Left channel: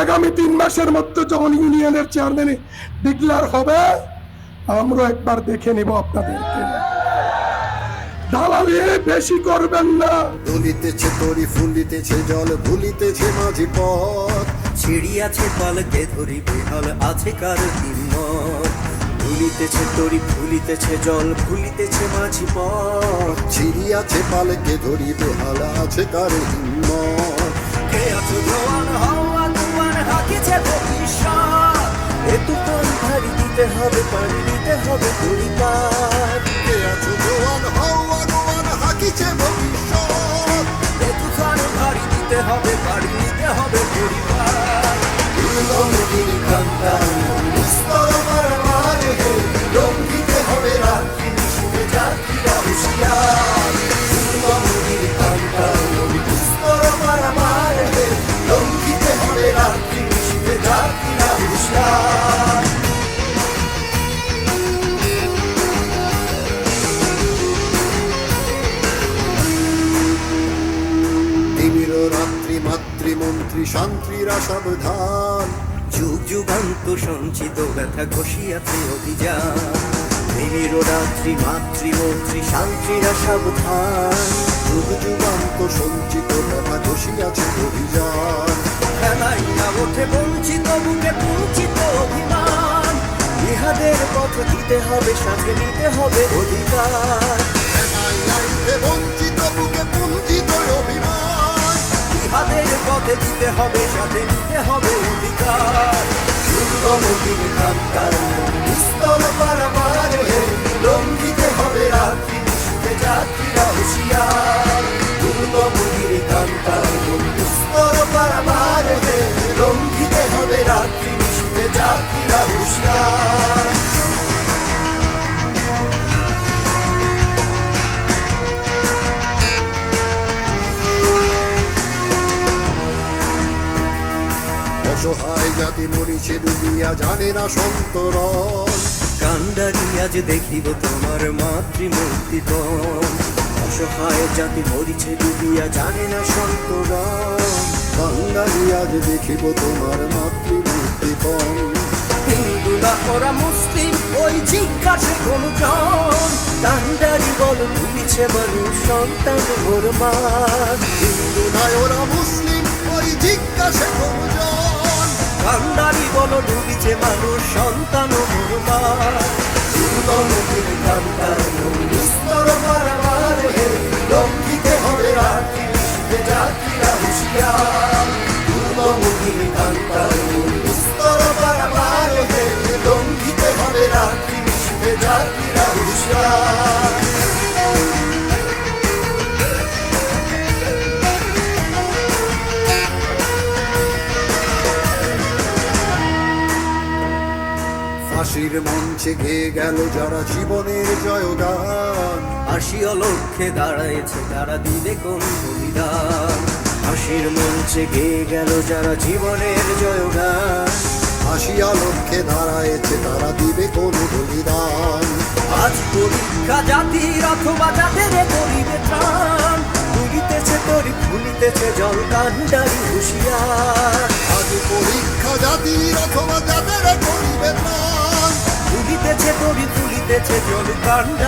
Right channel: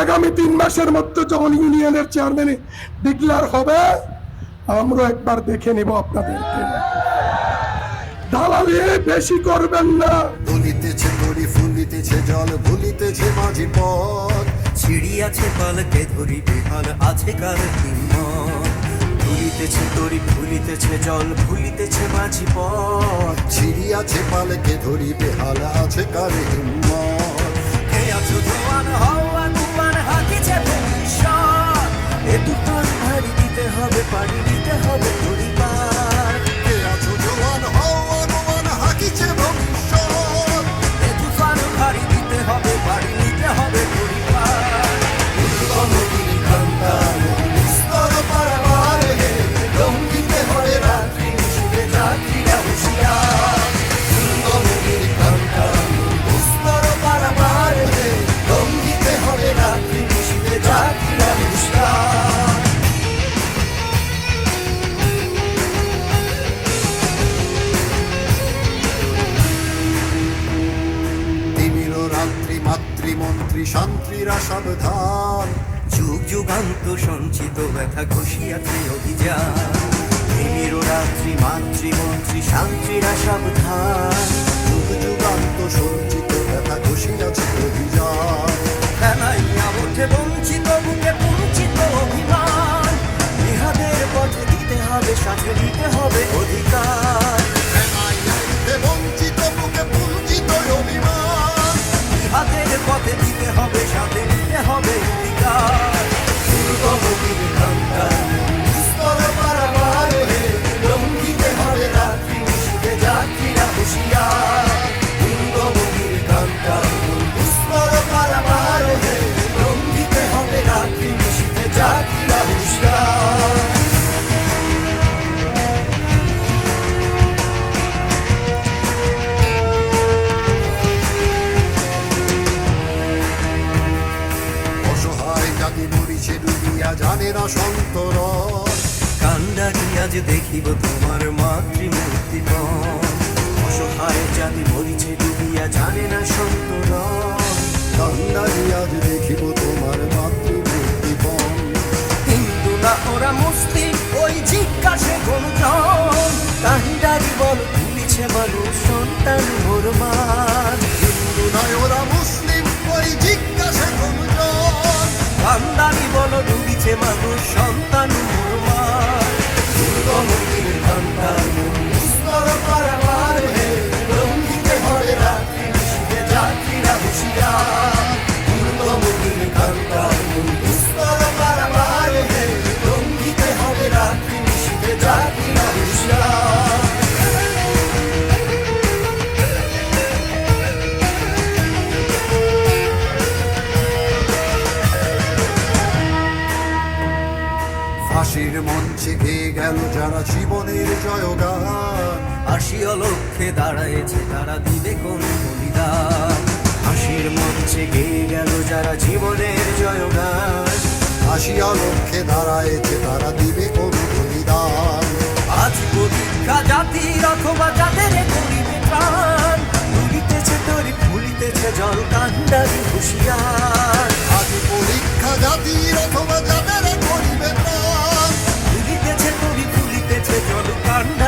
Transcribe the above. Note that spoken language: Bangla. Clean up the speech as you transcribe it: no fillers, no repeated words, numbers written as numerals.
আগামী 3 মাসের মধ্যে যখন ইউনিয়নের চেয়ারম্যানে ডিক্লার হবে, আমরা একবার দেখে নিব আপনাদেরকে। দালালি বেশি করবেন না। দলিতেছে তরি ফুলিতেছে জল ভুলিতেছে মাঝি পথ, ছিড়িয়াছে পালকে ধরি বেহাল আছে কার হিম্মত। ভুলিতেছে তরি ভুলিতেছে জল ভুলিতেছে মাঝি পথ, ছিড়িয়াছে পালকে ধরি বেহাল আছে কার হিম্মত। কে আছো জওয়ান হওয়া কুয়ার হাকিছে ভবিষ্যৎ, এ দুটো ভারী দিতে হবে পাড়ি দিতে হবে পরিবার। কে আছো জোয়ান হওয়া জোয়ান হাকিছে ভবিষ্যৎ, এ তুফান ভারী দিতে হবে পাড়ি দিতে হবে পরিবার। দুর্গমতির কান্তা স্তর পারাবার হে, রঙ্গিতে হবে রাত্রি নিশীথে যাত্রীরা হুঁশিয়ার। দুর্গমতির কান্তা স্তর পারাবার হে, রঙ্গিতে হবে রাত্রি নিশীথে যাত্রীরা হুঁশিয়ার। দিনের রাত্রি মাতৃমন্ত্রী শান্তিরা সাবধান, যুগ যুগান্ত সঞ্চিত ব্যথা ঘষিয়াছে অভিযান। দিনের রাত্রি মাতৃমন্ত্রী শান্তিরা সাবধান, যুগ যুগান্ত সঞ্চিত ব্যথা ঘষিয়াছে অভিযান। খেলাইয়া ওঠে বঞ্চিত বুকে বঞ্চিত অভিমান। ইহাদের পথ দিতে হবে সাথে দিতে হবে অধিকার। এ বঞ্চিত বুকে বঞ্চিত অভিমান, ইহাদের পথে দিতে হবে সাথে দিতে হবে অধিকার। দুর্গমতির কান্তা স্তর পারাবার হে, রঙ্গিতে হবে রাত্রি নিশীথে যাত্রীরা হুঁশিয়ার। দুর্গমতির কান্তা স্তর পারাবার হে, রঙ্গিতে হবে রাত্রি নিশীথে যাত্রীরা হুঁশিয়ার। অসহায় জাতি মরিছে ডুবিয়া জানে না সন্তরণ, কান্দারি আজ দেখিব তোমার মাতৃমূর্তিপণ। অসহায় জাতি মরিছে ডুবিয়া জানে না সন্তরণ। কান্দারি আজ দেখিব তোমার মাতৃমূর্তিপণ। হিন্দুরা ওরা মুসলিম ওই জিজ্ঞাসে কোনজন। কান্দারি বল ভুলিছে মানুষ সন্তান ভরমান। হিন্দুরাই ওরা মুসলিম ওই জিজ্ঞাসে কোনজন। কান্দারি বল ডুবিছে মানুষ সন্তান ভরমান। দুর্গমতির কান্তা স্তর পারাবার হে, রঙ্গিতে হবে রাত্রি নিশীথে যাত্রীরা হুঁশিয়ার। দুর্গমতির কান্তা স্তর পারাবার হে, রঙ্গিতে হবে রাত্রি নিশীথে যাত্রীরা হুঁশিয়ার। ফাঁসির মঞ্চে গেয়ে গেল যারা জীবনের জয়গান, হাসিও লক্ষ্যে দাঁড়াইছে তারা দিবে কোন বলিদান। হাসির মঞ্চে গেয়ে গেল যারা জীবনের জয়গান। হাসিয়া লক্ষ্যে দাঁড়ায়েছে তারা দিবে কোন বলিদান। আজ পরীক্ষা জাতির অথবা জাতের গরিবে প্রাণ। ডুবিতেছে তরি ফুলিতেছে জল কান্দার হুঁশিয়ার। আজ পরীক্ষা জাতির অথবা যাদের গরিবে প্রাণ, ডুবিতেছে তরি ফুলিতেছে জল কান্দার